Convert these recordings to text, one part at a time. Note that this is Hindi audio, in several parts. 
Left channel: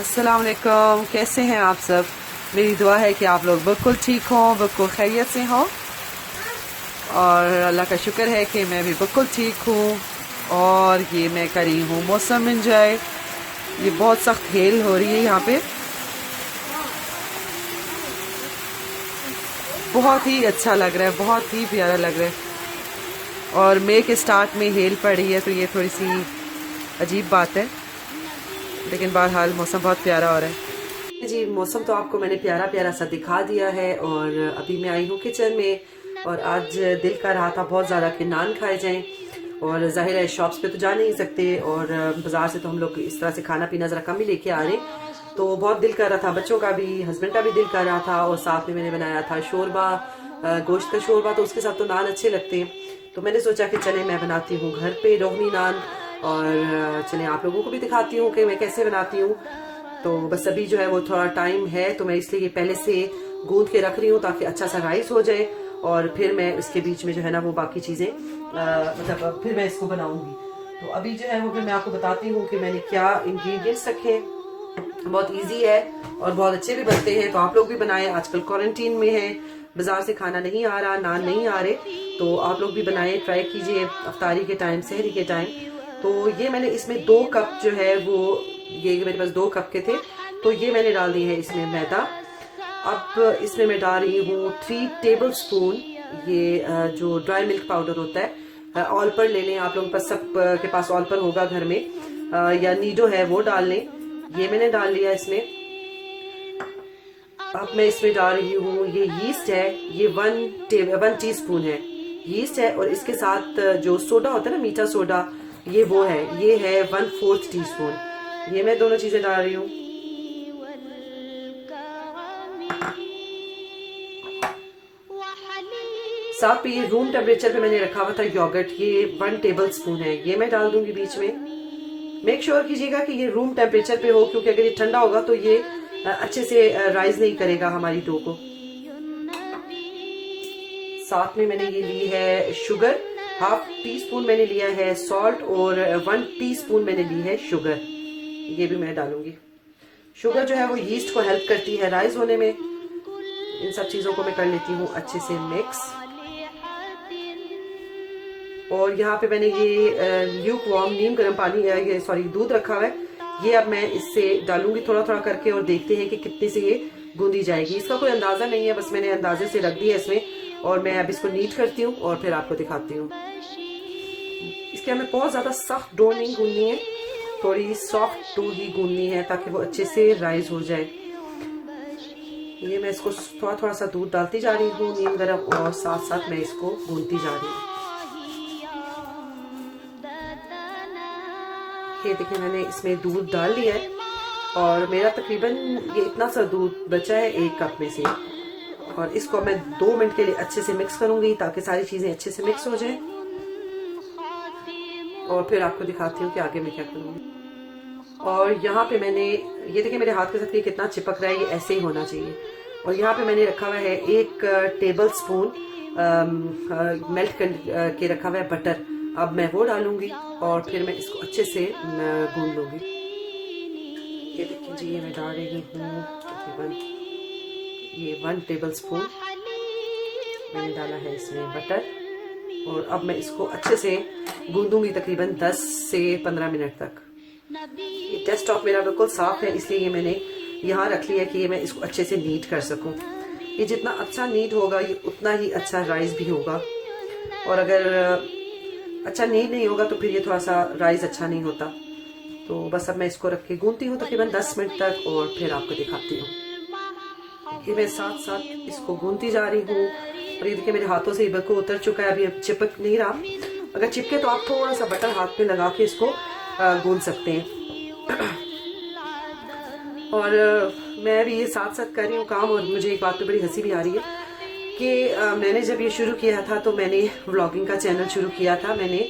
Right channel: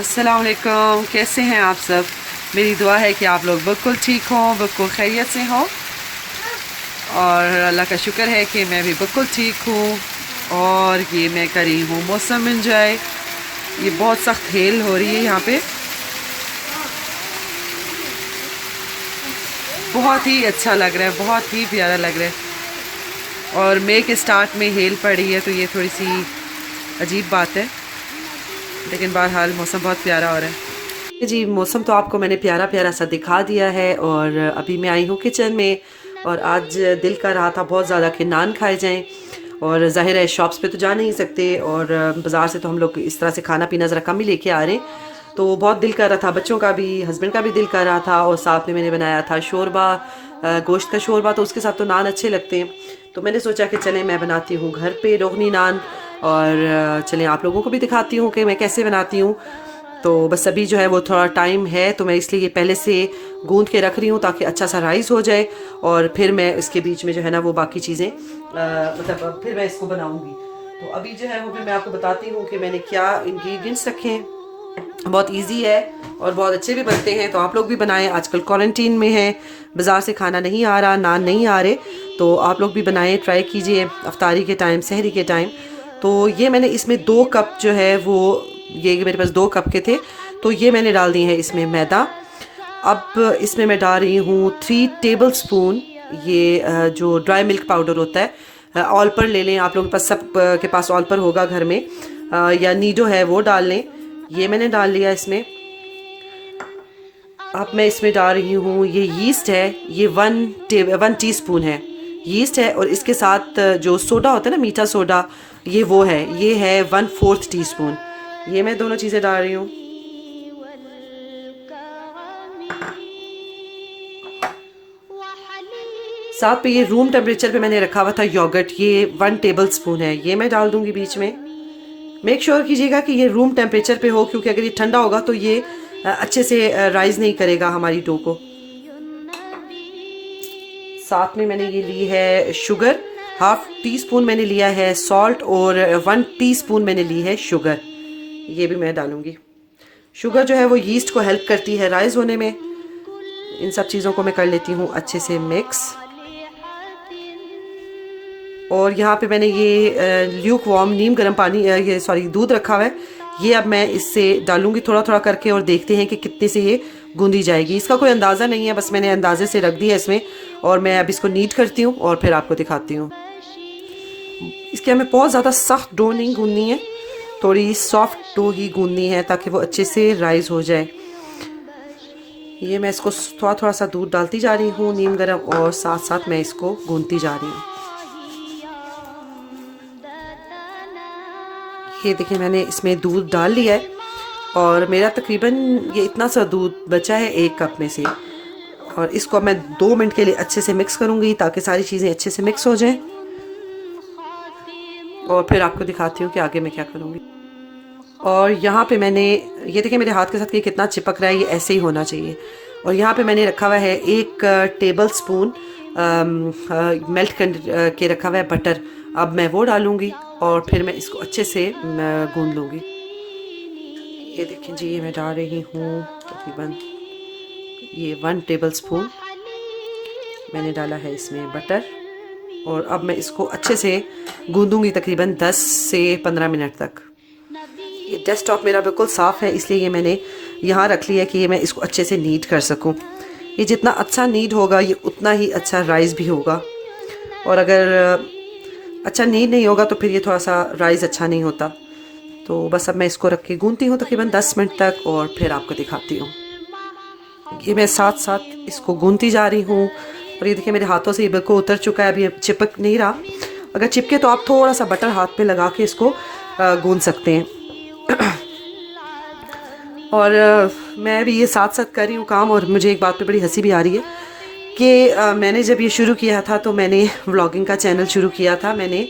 अस्सलाम वालेकुम, कैसे हैं आप सब। मेरी दुआ है कि आप लोग बिल्कुल ठीक हों, बिल्कुल खैरियत से हों और अल्लाह का शुक्र है कि मैं भी बिल्कुल ठीक हूँ। और ये मैं कर रही हूँ मौसम एंजॉय। ये बहुत सख्त हेल हो रही है यहाँ पे, बहुत ही अच्छा लग रहा है, बहुत ही प्यारा लग रहा है। और मई के स्टार्ट में हेल पड़ी है तो ये थोड़ी सी अजीब बात है, लेकिन बहरहाल मौसम बहुत प्यारा हो रहा है। जी, मौसम तो आपको मैंने प्यारा प्यारा सा दिखा दिया है और अभी मैं आई हूँ किचन में। और आज दिल कर रहा था बहुत ज़्यादा कि नान खाए जाएं, और ज़ाहिर है शॉप्स पे तो जा नहीं सकते और बाज़ार से तो हम लोग इस तरह से खाना पीना ज़रा कम ही लेके आ रहे। तो बहुत दिल कर रहा था, बच्चों का भी, हस्बैंड का भी दिल कर रहा था। और साथ में मैंने बनाया था शोरबा, गोश्त का शोरबा, तो उसके साथ तो नान अच्छे लगते हैं। तो मैंने सोचा कि चलें मैं बनाती हूँ घर पे रोगनी नान, और चलें आप लोगों को भी दिखाती हूँ कि मैं कैसे बनाती हूँ। तो बस अभी जो है वो थोड़ा टाइम है तो मैं इसलिए पहले से गूंद के रख रही हूँ ताकि अच्छा सा राइस हो जाए, और फिर मैं इसके बीच में जो है ना वो बाकी चीज़ें मतलब फिर मैं इसको बनाऊँगी। तो अभी जो है वो फिर मैं आपको बताती हूँ कि मैंने क्या इंग्रेडिएंट्स रखे हैं। बहुत इजी है और बहुत अच्छे भी बनते हैं, तो आप लोग भी बनाएं। आजकल क्वारंटीन में हैं, बाज़ार से खाना नहीं आ रहा, नान नहीं आ रहे, तो आप लोग भी बनाएं, ट्राई कीजिए अफ्तारी के टाइम, सहरी के टाइम। तो ये मैंने इसमें 2 कप जो है वो, ये मेरे पास 2 कप के थे, तो ये मैंने डाल दिए हैं इसमें मैदा। अब इसमें मैं डाल रही हूँ 3 टेबल स्पून ये जो ड्राई मिल्क पाउडर होता है, ऑल पर ले लें आप लोगों के पास, सब के पास ऑल पर होगा घर में, या नीडो है वो डाल लें। ये मैंने डाल लिया इसमें। अब मैं इसमें डाल रही हूँ, ये यीस्ट है, ये 1 टीस्पून है यीस्ट है, और इसके साथ जो सोडा होता है ना, मीठा सोडा, ये वो है, ये है 1/4 टीस्पून। ये मैं दोनों चीज़ें डाल रही हूँ। साथ पे ये रूम टेम्परेचर पे मैंने रखा हुआ था योगर्ट, ये 1 टेबल स्पून है, ये मैं डाल दूंगी बीच में। मेक श्योर कीजिएगा कि ये रूम टेम्परेचर पे हो, क्योंकि अगर ये ठंडा होगा तो ये अच्छे से राइज नहीं करेगा हमारी डो को। साथ में मैंने ये ली है शुगर, 1/2 टीस्पून मैंने लिया है सॉल्ट, और 1 टीस्पून मैंने ली है शुगर, ये भी मैं डालूंगी। शुगर जो है वो यीस्ट को हेल्प करती है राइज होने में। इन सब चीज़ों को मैं कर लेती हूँ अच्छे से मिक्स। और यहाँ पे मैंने ये ल्यूक वार्म नीम गर्म पानी, ये सॉरी दूध रखा हुआ है, ये अब मैं इससे डालूंगी थोड़ा थोड़ा करके, और देखते हैं कि कितने से ये गूंदी जाएगी। इसका कोई अंदाज़ा नहीं है, बस मैंने अंदाजे से रख दिया इसमें, और मैं अब इसको नीट करती हूँ और फिर आपको दिखाती हूँ। इसके हमें बहुत ज़्यादा सख्त डो नहीं गूंदनी है, थोड़ी सॉफ्ट डो ही गूंदनी है ताकि वो अच्छे से राइज हो जाए। ये मैं इसको थोड़ा थोड़ा सा दूध डालती जा रही हूँ नीम गर्म, और साथ साथ मैं इसको गूंदती जा रही हूँ। ये देखिए मैंने इसमें दूध डाल लिया है, और मेरा तकरीबन ये इतना सा दूध बचा है 1 कप में से। और इसको मैं 2 मिनट के लिए अच्छे से मिक्स करूँगी ताकि सारी चीज़ें अच्छे से मिक्स हो जाएं, और फिर आपको दिखाती हूँ कि आगे मैं क्या करूँगी। और यहाँ पे मैंने, ये देखिए मेरे हाथ के साथ ये कितना चिपक रहा है, ये ऐसे ही होना चाहिए। और यहाँ पे मैंने रखा हुआ है 1 टेबल स्पून मेल्ट कर के रखा हुआ है बटर। अब मैं वो डालूँगी और फिर मैं इसको अच्छे से गूंद लूँगी। ये देखिए जी, ये मैं डाल रही हूँ तकरीबन ये 1 टेबल स्पून मैंने डाला है इसमें बटर, और अब मैं इसको अच्छे से गूंदूंगी तकरीबन 10 से 15 मिनट तक। ये डेस्कटॉप मेरा बिल्कुल साफ़ है, इसलिए ये मैंने यहाँ रख लिया कि ये मैं इसको अच्छे से नीट कर सकूँ। ये जितना अच्छा नीट होगा ये उतना ही अच्छा राइस भी होगा, और अगर अच्छा नीट नहीं होगा तो फिर ये थोड़ा सा राइस अच्छा नहीं होता। तो बस अब मैं इसको रख के गूंदती हूँ तकरीबन 10 मिनट तक, और फिर आपको दिखाती हूँ। ये मैं साथ साथ इसको गूंदती जा रही हूँ, और ये देखिए मेरे हाथों से ये बिल्कुल उतर चुका है, अभी चिपक नहीं रहा। अगर चिपके तो आप थोड़ा सा बटर हाथ पे लगा के इसको गूंद सकते हैं। और मैं भी ये साथ साथ कर रही हूँ काम, और मुझे एक बात पे बड़ी हंसी भी आ रही है कि मैंने जब ये शुरू किया था तो मैंने व्लॉगिंग का चैनल शुरू किया था। मैंने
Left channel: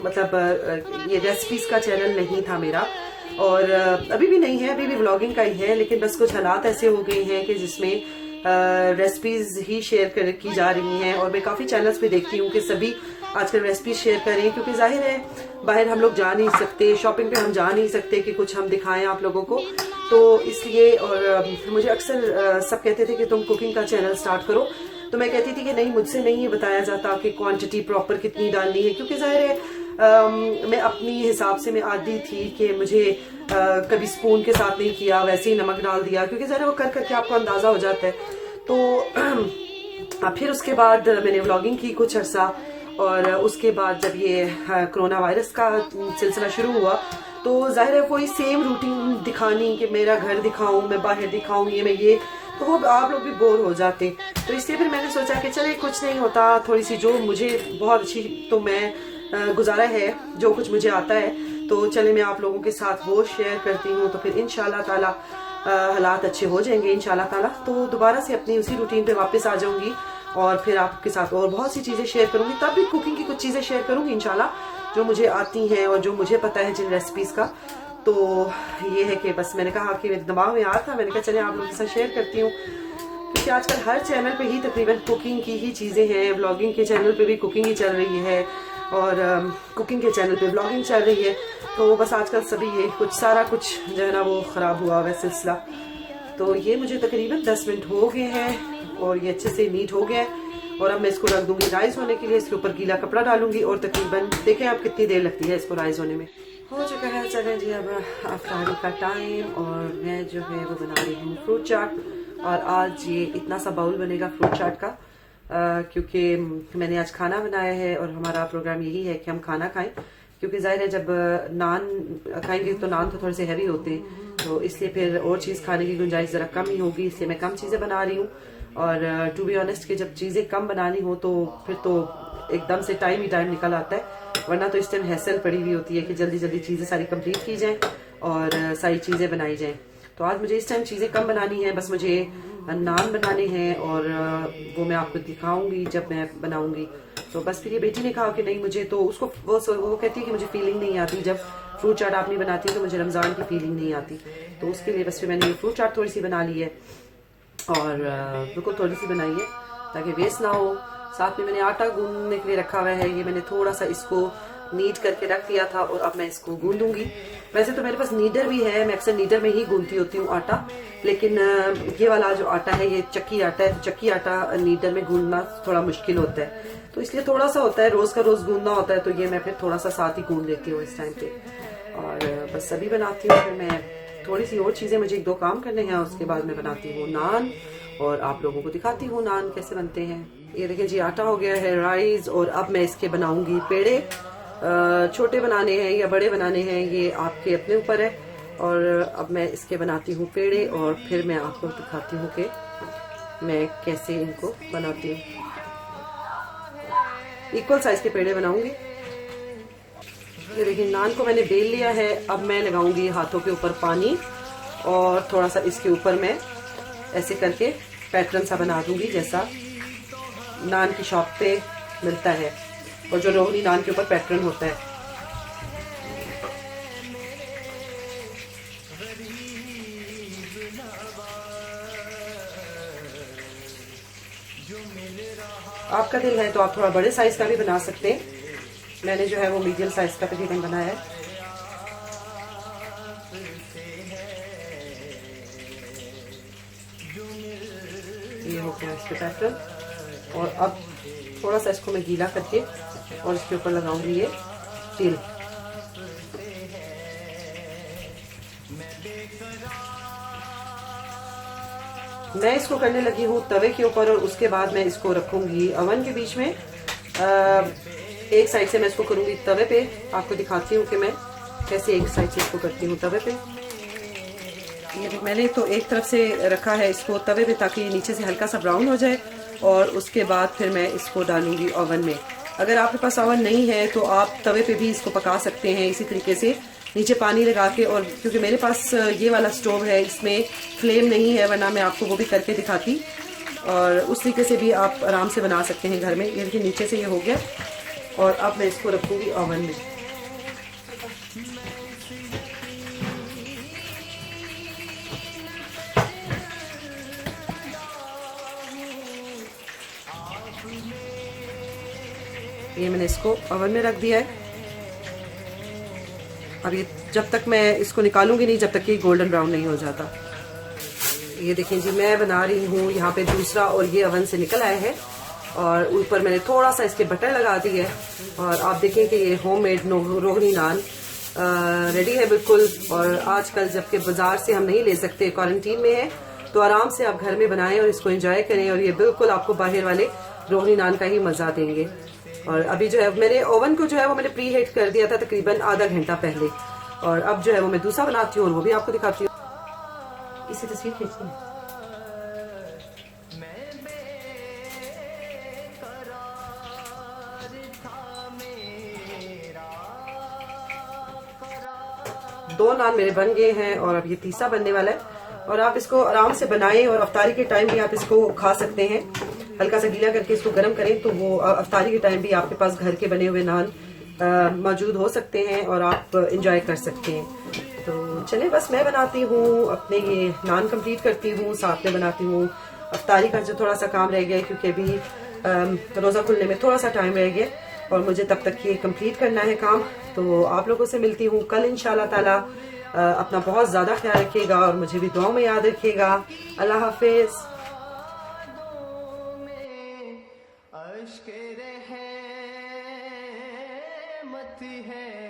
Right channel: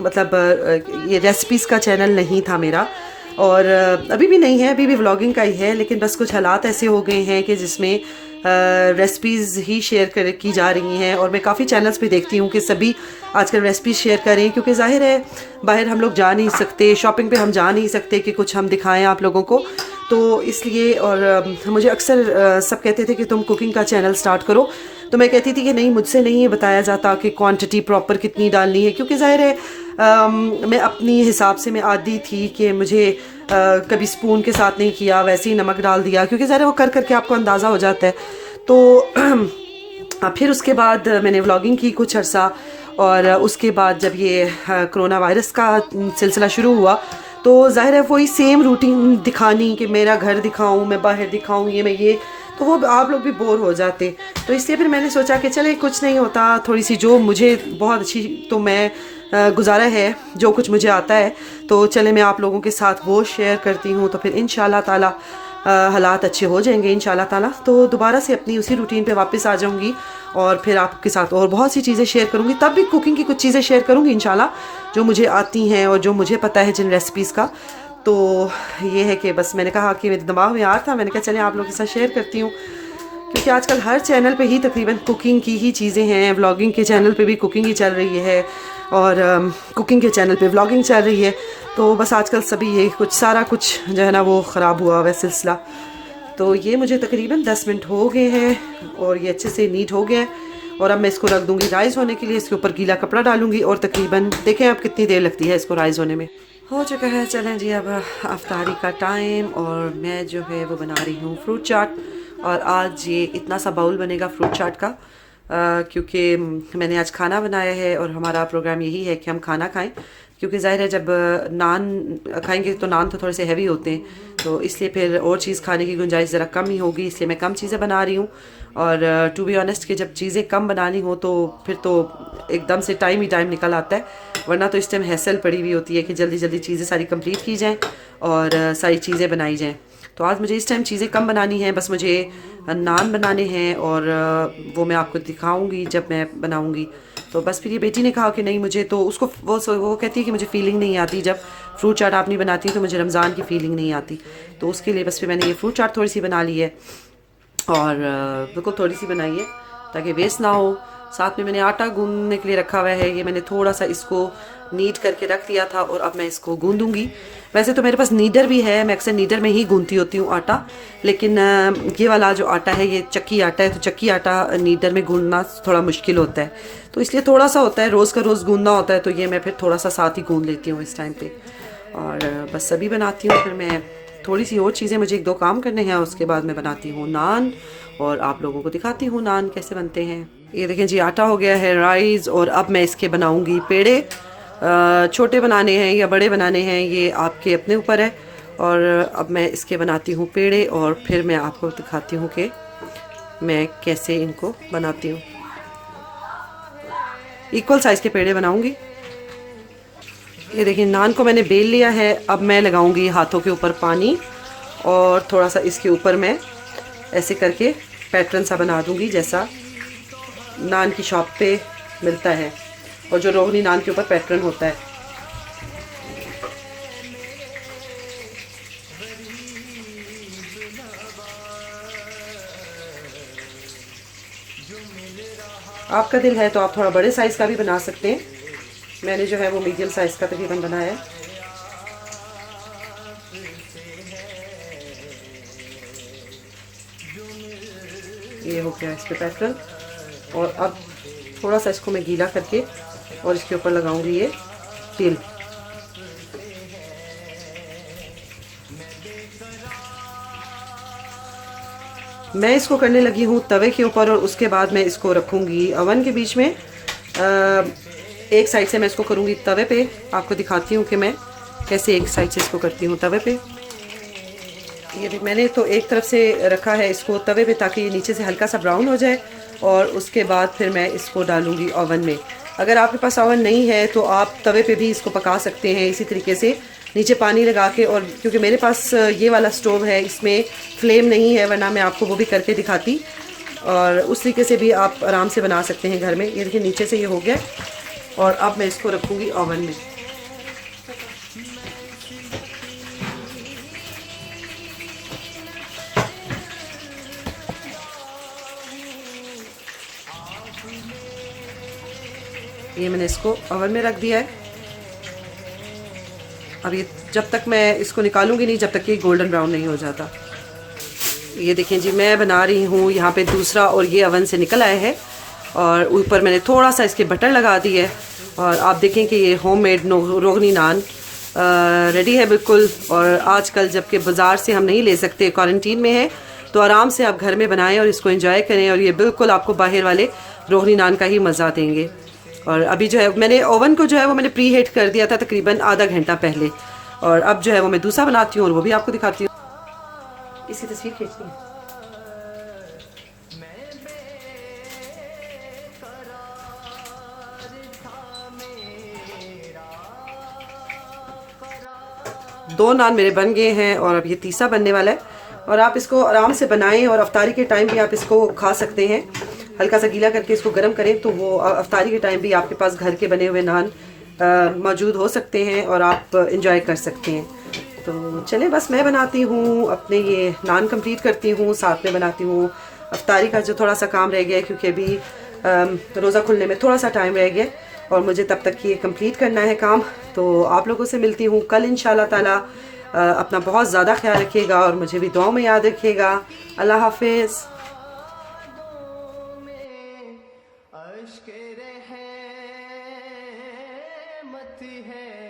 मतलब ये रेसिपीज़ का चैनल नहीं था मेरा, और अभी भी नहीं है, अभी भी व्लॉगिंग का ही है, लेकिन बस कुछ हालात ऐसे हो गए हैं कि जिसमें रेसिपीज़ ही शेयर कर की जा रही हैं। और मैं काफ़ी चैनल्स पे देखती हूँ कि सभी आजकल रेसिपीज़ शेयर करें, क्योंकि ज़ाहिर है बाहर हम लोग जा नहीं सकते, शॉपिंग पे हम जा नहीं सकते कि कुछ हम दिखाएं आप लोगों को, तो इसलिए। और मुझे अक्सर सब कहते थे कि तुम कुकिंग का चैनल स्टार्ट करो, तो मैं कहती थी कि नहीं, मुझसे नहीं बताया जाता कि क्वांटिटी प्रॉपर कितनी डालनी है, क्योंकि ज़ाहिर है मैं अपनी हिसाब से मैं आदी थी कि मुझे कभी स्पून के साथ नहीं किया, वैसे ही नमक डाल दिया, क्योंकि ज़ाहिर है वो कर करके आपको अंदाज़ा हो जाता है। तो फिर उसके बाद मैंने व्लॉगिंग की कुछ अर्सा, और उसके बाद जब ये कोरोना वायरस का सिलसिला शुरू हुआ, तो ज़ाहिर है वही सेम रूटीन दिखानी कि मेरा घर दिखाऊं, मैं बाहर दिखाऊं, ये मैं ये, तो वो आप लोग भी बोर हो जाते। तो इसलिए फिर मैंने सोचा कि चले कुछ नहीं होता, थोड़ी सी जो मुझे बहुत अच्छी तो मैं गुजारा है, जो कुछ मुझे आता है, तो चले मैं आप लोगों के साथ वो शेयर करती हूँ। तो फिर इंशाल्लाह ताला हालात अच्छे हो जाएंगे इंशाल्लाह ताला, तो दोबारा से अपनी उसी रूटीन पे वापस आ जाऊँगी, और फिर आपके साथ और बहुत सी चीज़ें शेयर करूँगी। तब भी कुकिंग की कुछ चीज़ें शेयर करूँगी इंशाल्लाह, जो मुझे आती हैं और जो मुझे पता है जिन रेसिपीज़ का। तो ये है कि बस मैंने कहा कि मेरे दिमाग में आ था, मैंने कहा चले आप लोगों के साथ शेयर करती हूँ, क्योंकि आजकल हर चैनल पे ही तकरीबन कुकिंग की ही चीज़ें हैं। व्लॉगिंग के चैनल पे भी कुकिंग ही चल रही है, और कुकिंग के चैनल पे व्लॉगिंग चल रही है। तो बस आजकल सभी ये कुछ सारा कुछ जो है ना वो ख़राब हुआ हुआ सिलसिला। तो ये मुझे तकरीबन 10 मिनट हो गए हैं, और ये अच्छे से नीट हो गया है। और अब मैं इसको रख दूँगी राइस होने के लिए, इसके ऊपर गीला कपड़ा डालूंगी, और तकरीबन देखें अब कितनी देर लगती है इसको राइस होने में। हो चुका है, चलें जी अब अफ्तारी का टाइम, और मैं जो है वो बना रही हूँ फ्रूट चाट। और आज ये इतना सा बाउल बनेगा फ्रूट चाट का, क्योंकि मैंने आज खाना बनाया है, और हमारा प्रोग्राम यही है कि हम खाना खाएं, क्योंकि ज़ाहिर है जब नान खाएंगे तो नान तो थोड़े से हैवी होते हैं, तो इसलिए फिर और चीज़ खाने की गुंजाइश ज़रा कम ही होगी, इसलिए मैं कम चीज़ें बना रही हूँ। और टू बी ऑनेस्ट कि जब चीज़ें कम बनानी हो तो फिर तो एकदम से टाइम ही टाइम निकल आता है, वरना तो इस टाइम हैसल पड़ी हुई होती है कि जल्दी जल्दी चीज़ें सारी कंप्लीट की जाएँ और सारी चीज़ें बनाई जाएँ। तो आज मुझे इस टाइम चीज़ें कम बनानी है, बस मुझे नान बनाने हैं, और वो मैं आपको दिखाऊंगी जब मैं बनाऊंगी। तो बस फिर ये बेटी ने कहा कि नहीं मुझे तो उसको वो कहती है कि मुझे फीलिंग नहीं आती, जब फ्रूट चाट आप नहीं बनाती तो मुझे रमज़ान की फ़ीलिंग नहीं आती। तो उसके लिए बस फिर मैंने ये फ्रूट चाट थोड़ी सी बना ली है, और बिल्कुल थोड़ी सी बनाई है ताकि वेस्ट ना हो। साथ में मैंने आटा गूंदने के लिए रखा हुआ है, ये मैंने थोड़ा सा इसको नीड करके रख दिया था, और अब मैं इसको गूंदूंगी। वैसे तो मेरे पास नीडर भी है, मैं अक्सर नीडर में ही गूंदती होती हूँ आटा, लेकिन ये वाला जो आटा है ये चक्की आटा है, तो चक्की आटा नीडर में गूंदना थोड़ा मुश्किल होता है, तो इसलिए थोड़ा सा होता है, रोज़ का रोज़ गूंदना होता है, तो ये मैं फिर थोड़ा सा साथ ही गूंद लेती हूँ इस टाइम पे। और बस सभी बनाती हूँ, फिर मैं थोड़ी सी और चीज़ें, मुझे 1-2 काम करने हैं, उसके बाद मैं बनाती हूँ नान, और आप लोगों को दिखाती हूँ नान कैसे बनते हैं। ये देखें जी आटा हो गया है राइस, और अब मैं इसके बनाऊँगी पेड़े। छोटे बनाने हैं या बड़े बनाने हैं ये आपके अपने ऊपर है, और अब मैं इसके बनाती हूँ पेड़े, और फिर मैं आपको दिखाती हूँ कि मैं कैसे इनको बनाती हूँ। इक्वल साइज़ के पेड़े बनाऊँगी। ये देखिए नान को मैंने बेल लिया है, अब मैं लगाऊंगी हाथों के ऊपर पानी, और थोड़ा सा इसके ऊपर मैं ऐसे करके पैटर्न सा बना दूंगी जैसा नान की शॉप पे मिलता है, और जो रोहनी नान के ऊपर पैटर्न होता है। आपका दिल है तो आप थोड़ा बड़े साइज़ का भी बना सकते हैं, मैंने जो है वो मीडियम साइज़ का तकरीबन बनाया है। ये हो गया इस पे पैटर्न, और अब थोड़ा सा इसको मैं गीला करके और इसके ऊपर लगाऊंगी ये तिल। मैं इसको करने लगी हूँ तवे के ऊपर, और उसके बाद मैं इसको रखूँगी अवन के बीच में। एक साइड से मैं इसको करूँगी तवे पे, आपको दिखाती हूँ कि मैं कैसे एक साइड से इसको करती हूँ तवे पे। ये देख मैंने तो एक तरफ से रखा है इसको तवे पे ताकि नीचे से हल्का सा ब्राउन हो जाए, और उसके बाद फिर मैं इसको डालूँगी ओवन में। अगर आपके पास ओवन नहीं है तो आप तवे पे भी इसको पका सकते हैं इसी तरीके से, नीचे पानी लगा के। और क्योंकि मेरे पास ये वाला स्टोव है इसमें फ्लेम नहीं है, वरना मैं आपको वो भी करके दिखाती, और उस तरीके से भी आप आराम से बना सकते हैं घर में। ये देखिए नीचे से ये हो गया, और अब मैं इसको रखूँगी ओवन में। ये मैंने इसको ओवन में रख दिया है। अब ये जब तक मैं इसको निकालूंगी नहीं जब तक कि गोल्डन ब्राउन नहीं हो जाता। ये देखें जी, मैं बना रही हूँ यहाँ पे दूसरा, और ये ओवन से निकल आया है और ऊपर मैंने थोड़ा सा इसके बटर लगा दी है। और आप देखें कि ये होममेड रोगनी नान रेडी है बिल्कुल। और आजकल जबकि बाज़ार से हम नहीं ले सकते, क्वारंटीन में है, तो आराम से आप घर में बनाएं और इसको एंजॉय करें। और ये बिल्कुल आपको बाहर वाले रोगनी नान का ही मज़ा देंगे। और अभी जो है मैंने ओवन को जो है वो मैंने प्री हीट कर दिया था तकरीबन आधा घंटा पहले। और अब जो है वो मैं दूसरा बनाती हूँ और वो भी आपको दिखाती हूँ। इसी तस्वीर खींचती हूँ। दो नान मेरे बन गए हैं और अब ये तीसरा बनने वाला है। और आप इसको आराम से बनाएं और अफ्तारी के टाइम भी आप इसको खा सकते हैं। हल्का सा गीला करके इसको गर्म करें तो वो अफ्तारी के टाइम भी आपके पास घर के बने हुए नान मौजूद हो सकते हैं और आप इंजॉय कर सकते हैं। तो चलें, बस मैं बनाती हूँ, अपने ये नान कंप्लीट करती हूँ, साथ में बनाती हूँ अफ्तारी का जो थोड़ा सा काम रह गया है, क्योंकि अभी रोज़ा खुलने में थोड़ा सा टाइम रह गया और मुझे तब तक ये कंप्लीट करना है काम। तो आप लोगों से मिलती हूँ कल इंशाल्लाह ताला। अपना बहुत ज़्यादा ख्याल रखिएगा और मुझे भी दुआओं में याद रखिएगा। अल्लाह हाफिज़। अश्क रहमत है।